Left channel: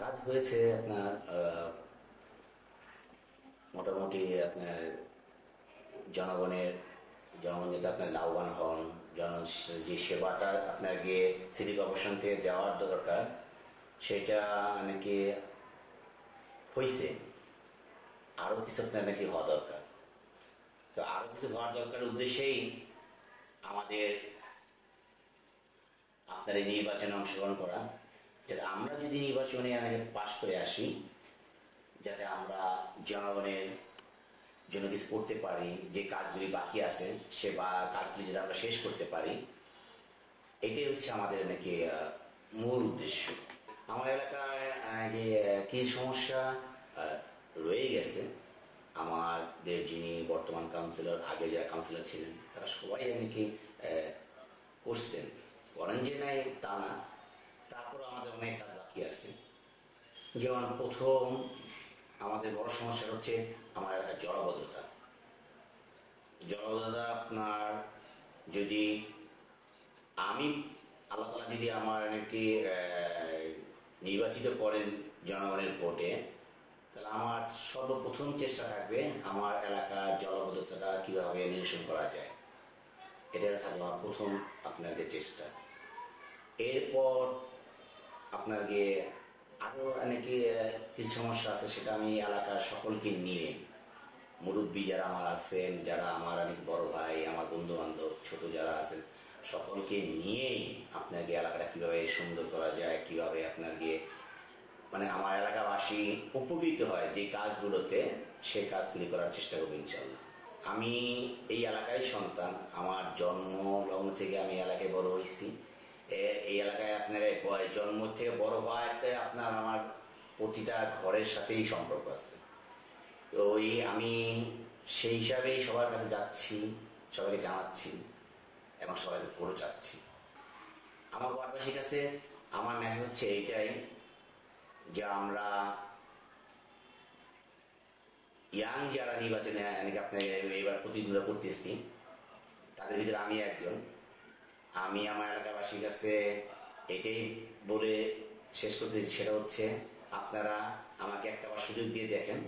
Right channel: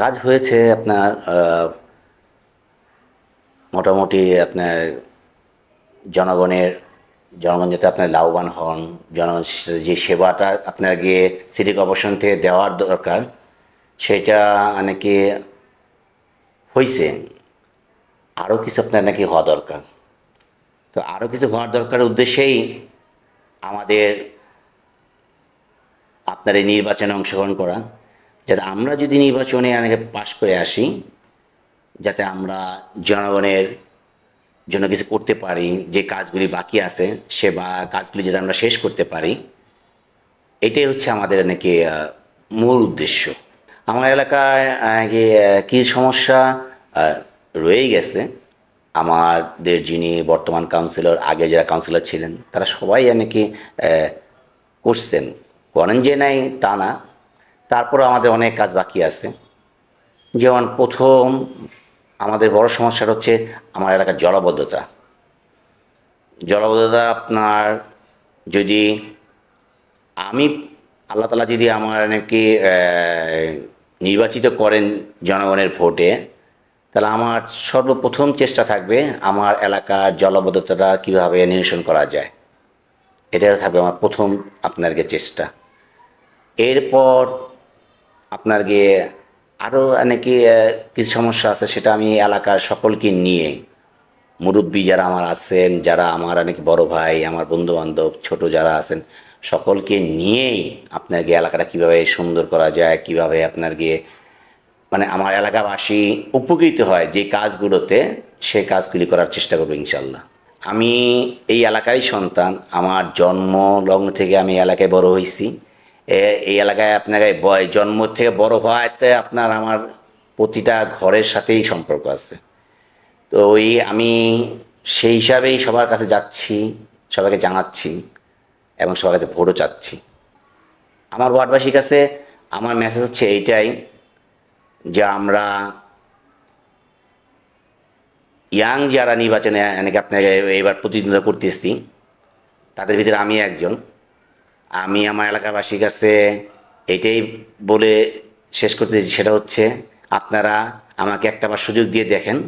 কাজ হয়েছে আপনার মোটামুটি আপনার জনগণের জনগণ যাতে আপনার লাভবান হন, জনগণ যে সেবাটা আপনার গিয়ে সিটি কর্পোরেশন থেকে দেওয়ার দরকার সেটা নাকি হয়েছে। আরও কিছু আপনার নাকি হওয়া দরকার। তো আরও কিছু হওয়ার দরকারের উদ্দেশ্যেই আমাদের আপনার এই নির্বাচনে অংশগ্রহণ করা, যাতে আমরা যদি নির্বাচনে অনেকে পাশ করে আসি, যাতে আমরা জনগণের জন্য কিছু করতে পারি, যে কাজগুলি বাকি আছে সে বা কাজগুলি যাতে আমরা শেষ করতে পারি, এটাই হচ্ছে আমাদের নাকি মূল উদ্দেশ্য। আমার এলাকায় নাকি কিছু সমস্যা আহ, রয়েই গেছে। আমাদের যিনি বর্তমান কাউন্সিলর, আগে যারা কাউন্সিলর ছিলেন তারা সবাই নাকি করছেন, করেন যে নাই তা না, তারপরে আমাদের অনেক কাজ বাকি আছে। যেমন প্রথম আমাদের বড় সমস্যাটা হচ্ছে আমার এলাকার জলাবদ্ধতা। জলাবদ্ধতা আপনার যদি আমি আল্লাহ তালা যদি আমার নাকি নির্বাচিত করেন জনগণের ভোটে, তাহলে আমার সর্বপ্রথম চেষ্টা থাকবে আমার এলাকার জলাবদ্ধতাটা কীভাবে নিরসন করা যায়। এটাই থাকবে আমার প্রথম আপনার গিয়ে চেষ্টা। এরপর আপনার গিয়ে আরও নাকি কিছু সমস্যা আছে, সেটা আমি এলাকার সকলকে নিয়ে, মুরব্বী যারা আমার আছেন, যারা আমার অনেক বড় ভাই, আমার বন্ধু বান্ধব, ছোট যারা আছেন, সকলকে নিয়েই আপনার গিয়ে এলাকাটা কীভাবে সুন্দর করা যায়, কীভাবে আপনার গিয়ে মানে আমার এলাকাবাসী উপকৃত হয় যে কাজগুলোতে, সেই কাজগুলি করার চেষ্টা করবো ইনশাল্লাহ। আমি এই এলাকারই সন্তান। আমার জন্ম লগ্ন থেকে আমি এলাকায় বড় হয়েছি। এই এলাকায় আপনার জন্ম থেকে বড় হওয়াতে আপনার আমার প্রতিটা ঘরের সাথেই সম্পর্ক আছে। তো ওই আমি সেই হিসাবেই সবার কাছে যাচ্ছি, সবাইকে জানাচ্ছি এবং সবার কাছে ভোটও চাচ্ছি। আমার ওয়ার্ডবাসীর কাছে আমার মেসেজ হচ্ছে এইটাই, যে আমরা ইয়াং যারা নির্বাচনে অনেকে আপনাকে এবার প্রতিদ্বন্দ্বিতা করতেছি, তাদের ভিতরে আমি একজন। আমি আমার এলাকাবাসীর কাছে এইটাই বলে শেষ করতে চাইছি, সেটা হচ্ছে আপনারা আমাকে একটাবার সুযোগ দিয়ে দেখেন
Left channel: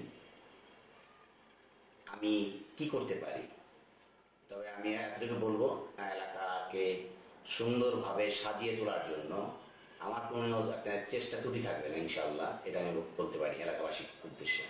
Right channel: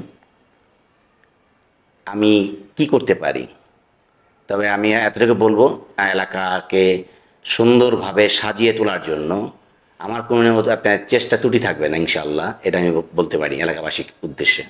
আমি কি করতে পারি। তবে আমি এতটুকু বলবো, এলাকাকে সুন্দরভাবে সাজিয়ে তোলার জন্য আমার কোনো আপনার চেষ্টা ত্রুটি থাকবে না ইনশাল্লাহ। এটা আমি বলতে পারি এলাকাবাসীর উদ্দেশ্যে।